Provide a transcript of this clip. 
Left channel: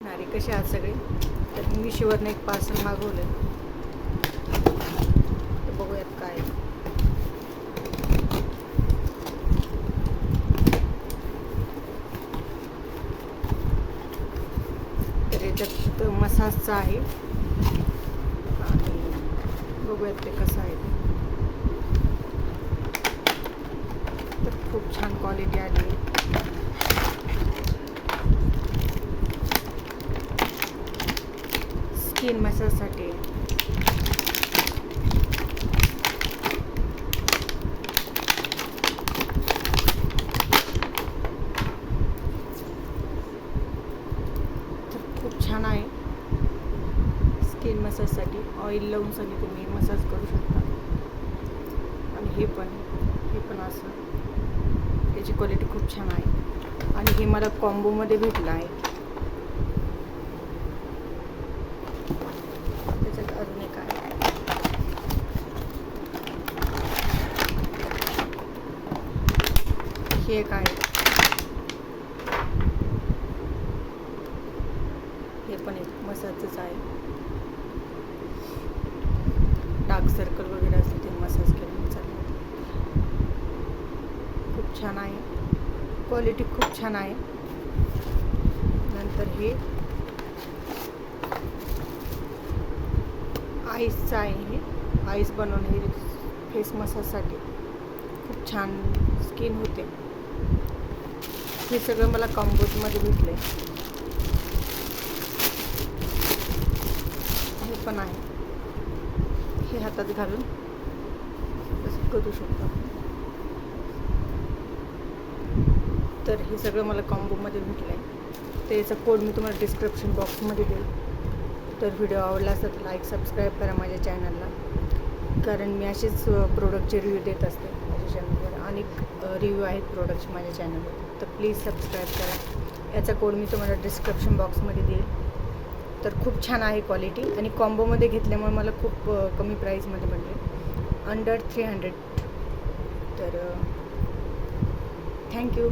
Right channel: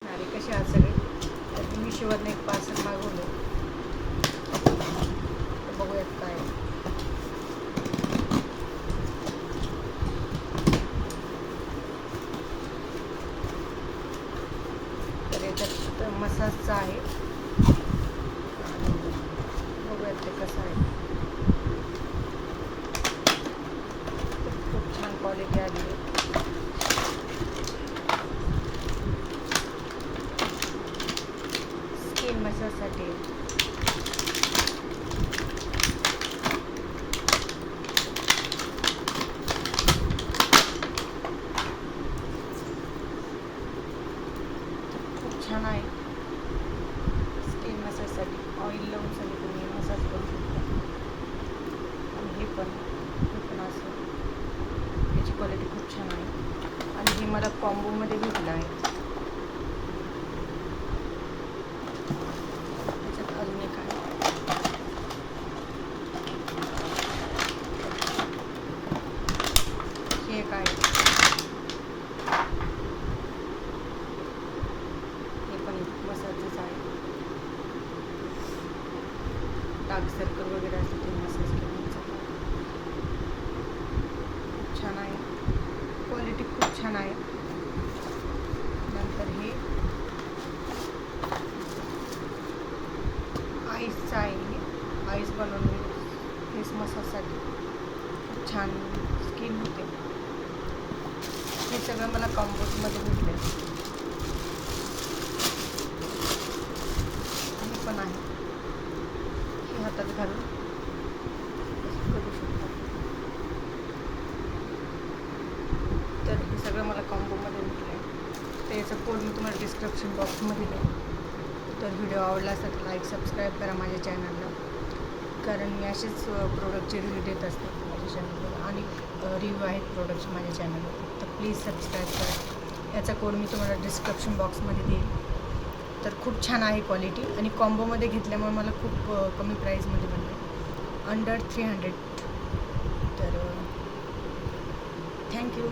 आणि कसे आहात सगळे. तर मिशोवरनं एक पार्सल मागवलं. बघूयात काय. तर याच्यात मसाजचं आहे. बघूयात ते कसं आहे. तर खूप छान क्वालिटी आली आहे. स्किन मसाजसाठी खूप छान आहे. स्किन मसाजसाठी ऑइल लावून सगळी तुम्ही मसाज करू शकता. आणि हे पण असं याची क्वालिटी खूप छान आहे. आणि हे मला कॉम्बोमध्ये भेटलं आहे. त्याच्यात अजून एक आहे. हे एक आहे. हे पण एक मसाजच आहे. डार्क सर्कल वगैरे असते ते मसाज केलं चालेल. खूप छान आहे. क्वालिटी खूप छान आहे. नंतर हे आईसचं आहे. हे आईस बनवून हे फेस मसाजसाठी खूप छान स्किन होते. हे सगळं मला कॉम्बोमध्ये भेटले. हे पण आहे. हे हातात घालून असं करू शकतो. तर हे सगळं मला कॉम्बोमध्ये भेटलं आहे. तर याचा कोड मी तुम्हाला डिस्क्रिप्शन बॉक्समध्ये देईन. तर व्हिडिओ आवडला असेल तर लाईक सबस्क्राईब करा माझ्या चॅनलला. कारण मी असेच प्रोडक्टचे रिव्ह्यू देत असते माझ्या चॅनलवर. अनेक रिव्ह्यू आहेत प्रोडक्टचे माझ्या चॅनलवर. तर प्लीज सबस्क्राईब करा. याचा कोड मी तुम्हाला डिस्क्रिप्शन बॉक्समध्ये देईल. तर खूप छान आहे क्वालिटी. आणि कॉम्बोमध्ये घेतल्यामुळे मला खूप कमी प्राईसमध्ये मिळते. अंडर 300. तर थँक्यू.